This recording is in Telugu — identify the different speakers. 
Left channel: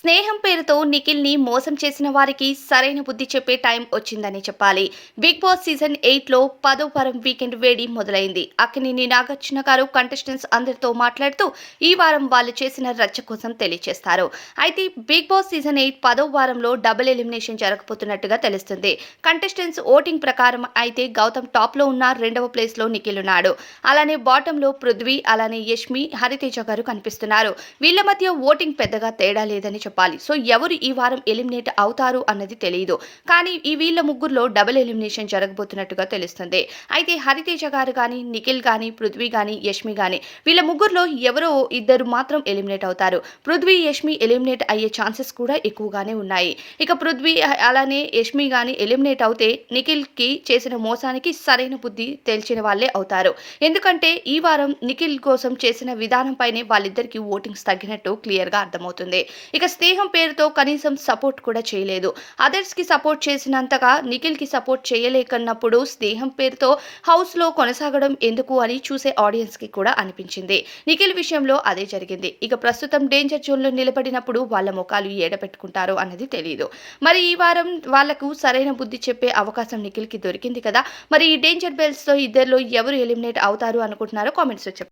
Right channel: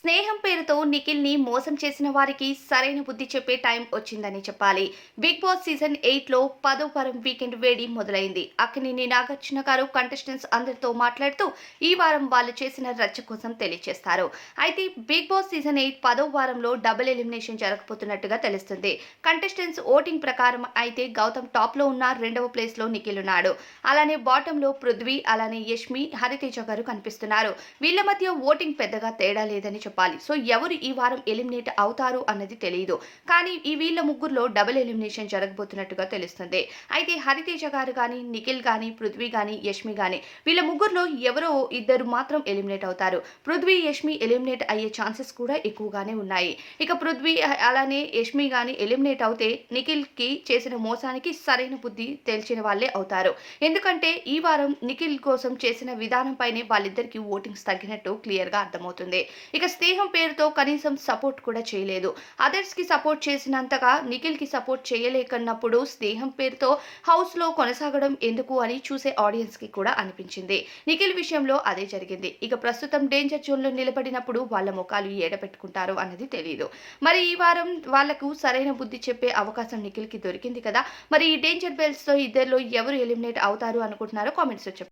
Speaker 1: స్నేహం పేరుతో నిఖిల్ని మోసం చేసిన వారికి సరైన బుద్ధి చెప్పే టైం వచ్చిందని చెప్పాలి. బిగ్ బాస్ సీజన్ ఎయిట్లో పదో వారం వీకెండ్ వేడి మొదలైంది. అక్కినేని నాగార్జున గారు కంటెస్టెంట్స్ అందరితో మాట్లాడుతూ ఈ వారం వాళ్ళు చేసిన రచ్చ కోసం తెలియజేస్తారు అయితే బిగ్ బాస్ సీజన్ ఎయిట్ పదో వారంలో డబుల్ ఎలిమినేషన్ జరగబోతున్నట్టుగా తెలుస్తుంది. కంటెస్టెంట్స్ ఓటింగ్ ప్రకారం అయితే గౌతమ్ టాప్లో ఉన్న రెండవ ప్లేస్లో నిఖిల్ ఉన్నాడు. అలానే బాటమ్లో పృథ్వీ అలానే యష్మి హరితేజ గారు కనిపిస్తున్నారు. వీళ్ళ మధ్య ఓటింగ్ పెద్దగా తేడా లేదని చెప్పాలి. సో ఎవరు ఈ వారం ఎలిమినేట్ అవుతారు అన్నది తెలియదు కానీ ఈ వీళ్ళ ముగ్గురులో డబుల్ ఎలిమినేషన్ జరగబోతున్నట్టుగా తెలుస్తుంది. అయితే హరితేజ గారు కానీ నిఖిల్ కానీ పృథ్వీ కానీ యష్మి కానీ వీళ్ళ ముగ్గురులో ఎవరో ఇద్దరు మాత్రం ఎలిమినేట్ అవుతారు. పృథ్వీ యష్మి ఎలిమినేట్ అయ్యే ఛాన్సెస్ కూడా ఎక్కువగానే ఉన్నాయి. ఇక పృథ్వీ అలానే యష్మి కానీ ఎలిమినేట్ అవుతే నిఖిల్కి చేసిన మోసానికి సరైన బుద్ధి తేల్చిన వాళ్ళే అవుతారు. ఎందుకంటే ఈ వారం నిఖిల్ కోసం చేసిన విధానంపైనే వాళ్ళిద్దరికి ఓటింగ్స్ తగ్గినట్టు క్లియర్గా అర్థమవుతుంది. ఇక స్నేహం పేరుతో కనీసం సపోర్ట్ కూడా చేయలేదు. అదర్స్కి సపోర్ట్ చేసినంతగా నిఖిల్కి సపోర్ట్ చేయలేకన్నప్పుడు స్నేహం పేరుతో హౌస్లో కొనసాగడం ఎందుకు అని చూసే ఆడియన్స్కి కూడా అనిపించింది. నిఖిల్ విషయంలో అదే జరిగింది. ఇక ప్రస్తుతం డేంజర్ జోన్లో నిలబడినప్పుడు వాళ్ళ ముఖాలు ఏడపెట్టుకుంటారో అన్నది తెలియదు మరి ఈ వారం వాళ్ళకు సరైన బుద్ధి చెప్పే అవకాశం నిఖిల్కి దొరికింది కదా? మరి ఈ డేంజర్ బెల్స్తో ఇద్దరిలో ఎవరు ఎలిమినేట్ అవుతారు అనుకుంటున్నారో కామెంట్స్లో చెప్పండి.